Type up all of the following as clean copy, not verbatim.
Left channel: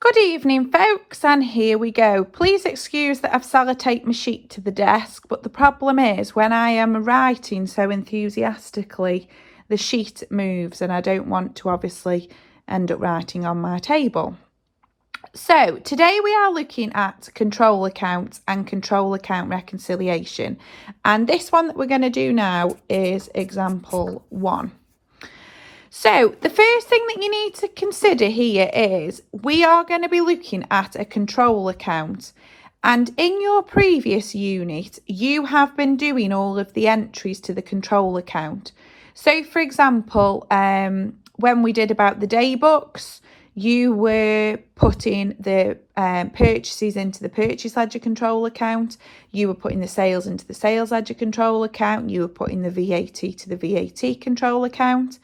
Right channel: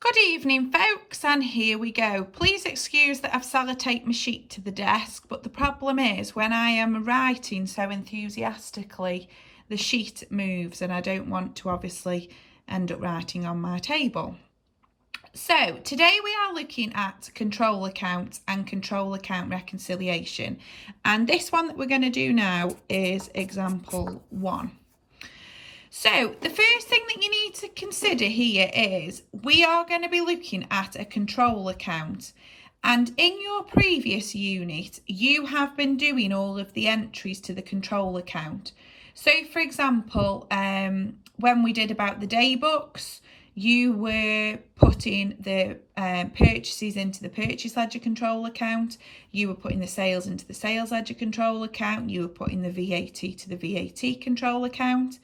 Good evening, folks, and here we go. Please excuse that I've sellotaped my sheet to the desk, but the problem is when I am writing so enthusiastically, the sheet moves and I don't want to obviously end up writing on my table. So today we are looking at control account and control account reconciliation. And this one that we're going to do now is example 1. So the first thing that you need to consider here is we are going to be looking at a control account, and in your previous unit you have been doing all of the entries to the control account. So for example, when we did about the day books, you were putting the purchases into the purchase ledger control account, you were putting the sales into the sales ledger control account, you were putting the VAT to the VAT control account.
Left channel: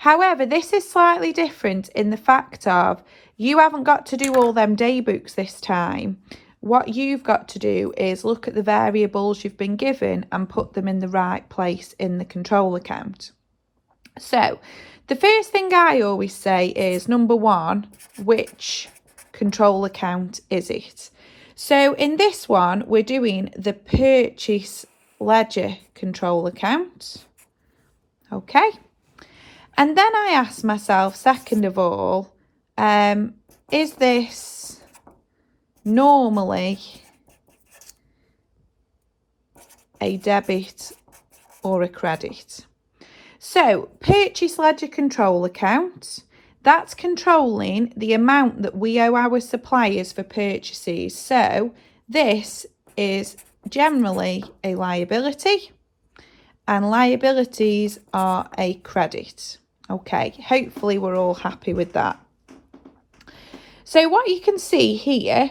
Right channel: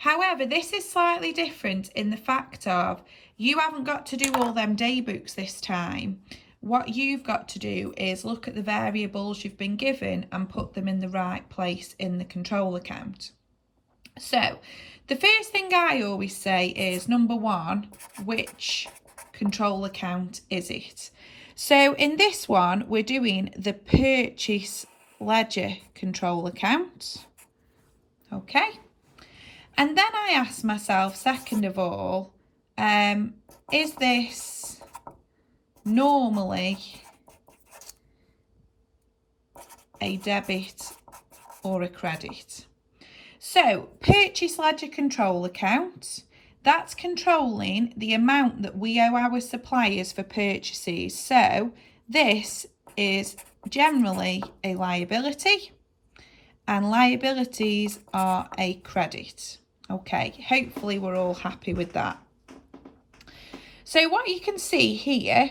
However, this is slightly different in the fact of you haven't got to do all them day books this time. What you've got to do is look at the variables you've been given and put them in the right place in the control account. So, the first thing I always say is, number 1, which control account is it? So, in this one, we're doing the purchase ledger control account. Okay. And then I asked myself, second of all, is this normally a debit or a credit? So, purchase ledger control account, that's controlling the amount that we owe our suppliers for purchases. So, this is generally a liability, and liabilities are a credit. Okay, hopefully we're all happy with that. So what you can see here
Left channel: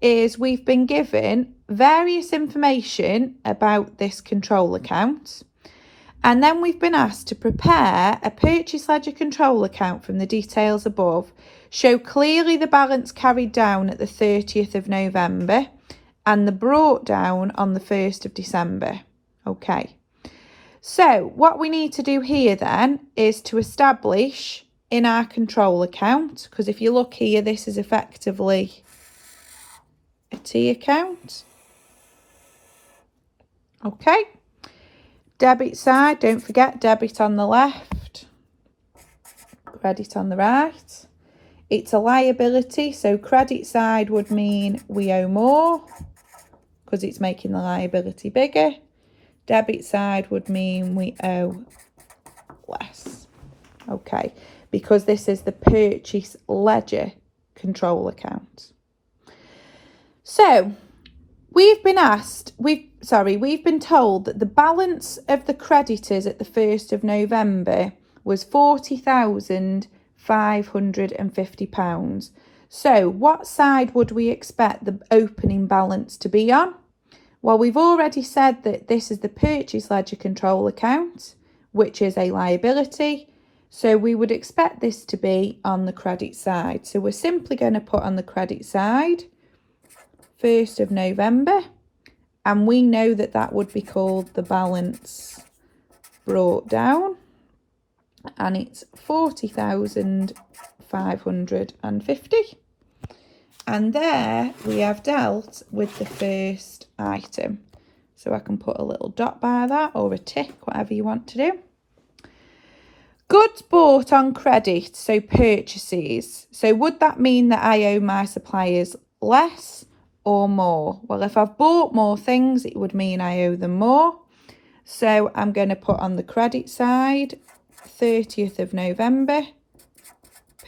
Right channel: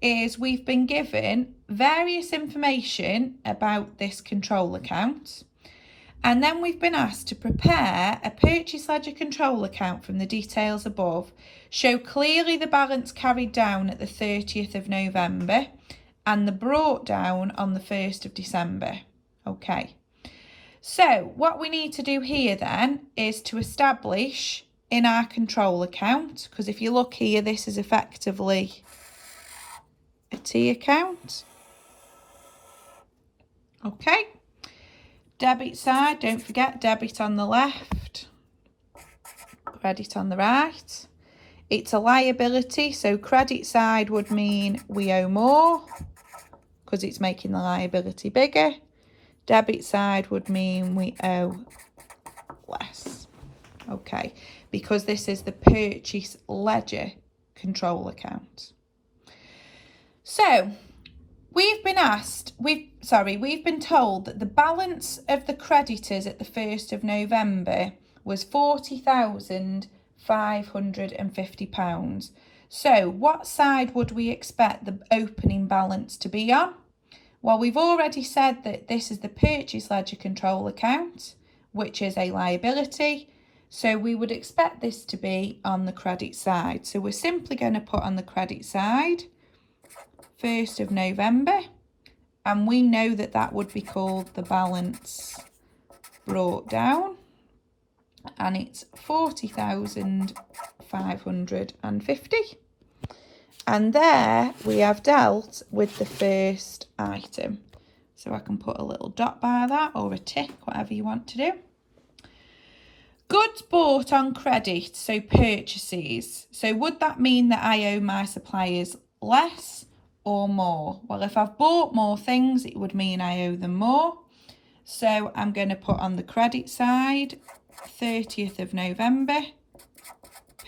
is we've been given various information about this control account, and then we've been asked to prepare a purchase ledger control account from the details above, show clearly the balance carried down at the 30th of November and the brought down on the 1st of December. Okay. So what we need to do here then is to establish in our control account, because if you look here, this is effectively a T account. Okay. Debit side, don't forget debit on the left, credit on the right. It's a liability, so credit side would mean we owe more because it's making the liability bigger. Debit side would mean we owe less. Okay, because this is the purchase ledger control account. So we've been told that the balance of the creditors at the 1st of November was £40,550. So what side would we expect the opening balance to be on? Well, we've already said that this is the purchase ledger control account, which is a liability. So we would expect this to be on the credit side. So we're simply going to put on the credit side 1st of November. And we know that that would be called the balance brought down. And it's 40,550. And there we have dealt with the first item. So I can put a little dot by that or a tick, whatever you want to do. Goods bought on credit, so purchases. So would that mean that I owe my suppliers less or more? Well, if I've bought more things, it would mean I owe them more. So I'm going to put on the credit side, 30th of November,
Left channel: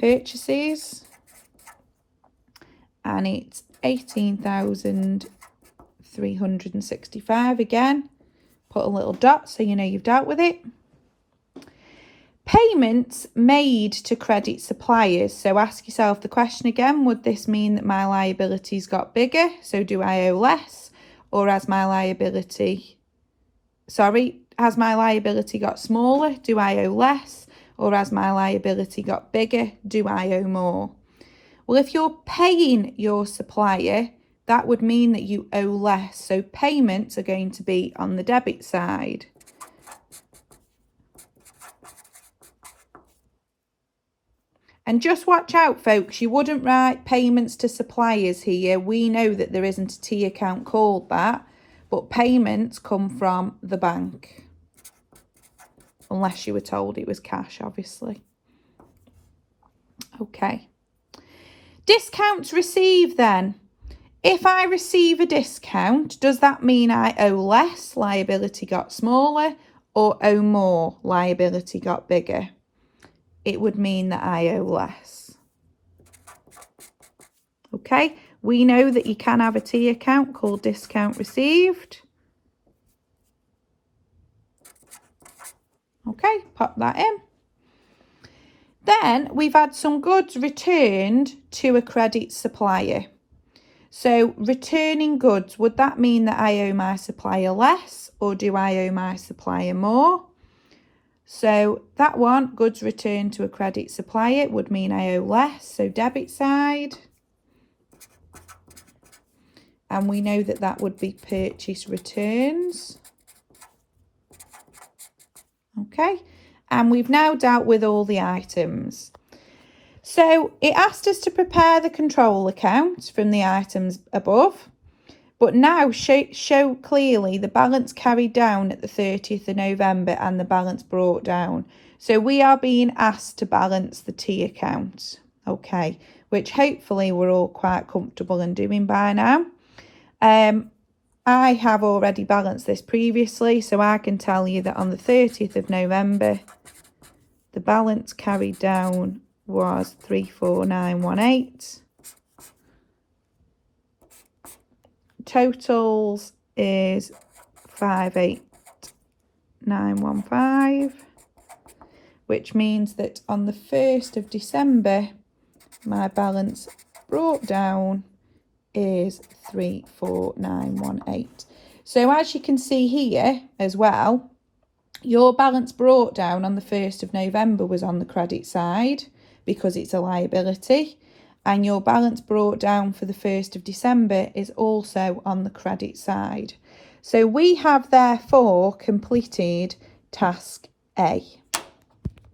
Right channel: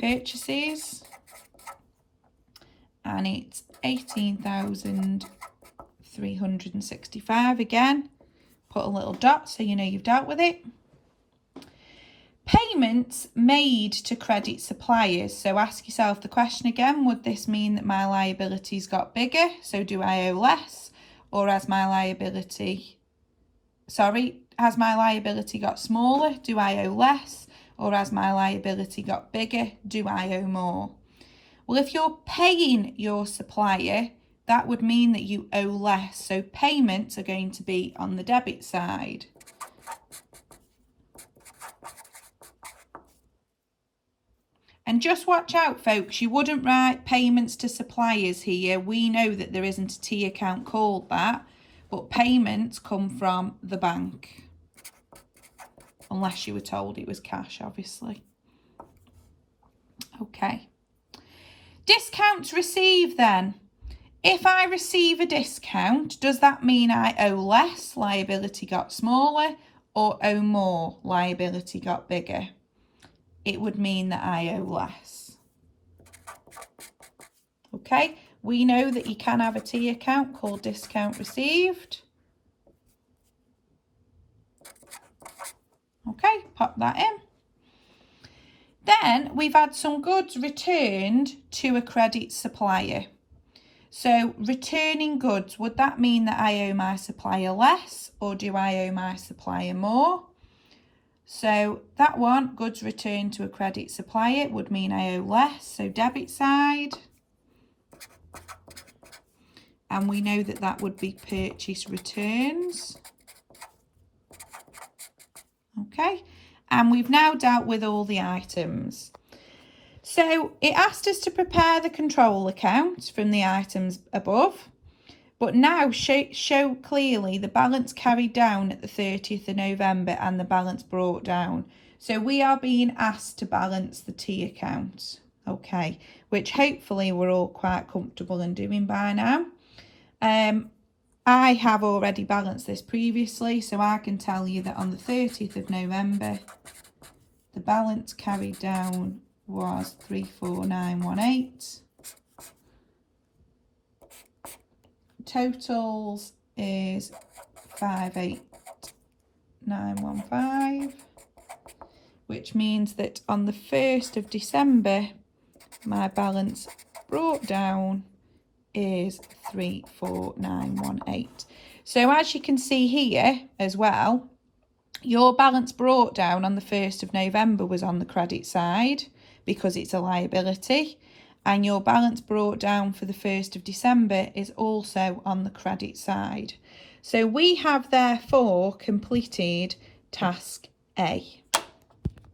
purchases. And it's 18,365 again. Put a little dot so you know you've dealt with it. Payments made to credit suppliers. So ask yourself the question again, would this mean that my liabilities got bigger? So do I owe less? Or has my liability got smaller? Do I owe less? Or has my liability got bigger? Do I owe more? Well, if you're paying your supplier, that would mean that you owe less. So payments are going to be on the debit side. And just watch out, folks, you wouldn't write payments to suppliers here. We know that there isn't a T account called that, but payments come from the bank. Unless you were told it was cash, obviously. Okay. Discounts received then. If I receive a discount, does that mean I owe less, liability got smaller, or owe more, liability got bigger? It would mean that I owe less. Okay, we know that you can have a T account called discount received. Okay, pop that in. Then we've had some goods returned to a credit supplier. So returning goods, would that mean that I owe my supplier less, or do I owe my supplier more? So that one, goods returned to a credit supplier, would mean I owe less, so debit side. And we know that that would be purchase returns. Okay, and we've now dealt with all the items. So it asked us to prepare the control account from the items above, but now show clearly the balance carried down at the 30th of November and the balance brought down. So we are being asked to balance the T account, okay, which hopefully we're all quite comfortable in doing by now. I have already balanced this previously, so I can tell you that on the 30th of November, the balance carried down was 34918. Totals is 58915, which means that on the 1st of December, my balance brought down is 34918. So as you can see here as well, your balance brought down on the 1st of November was on the credit side because it's a liability, and your balance brought down for the 1st of December is also on the credit side. So we have therefore completed task A.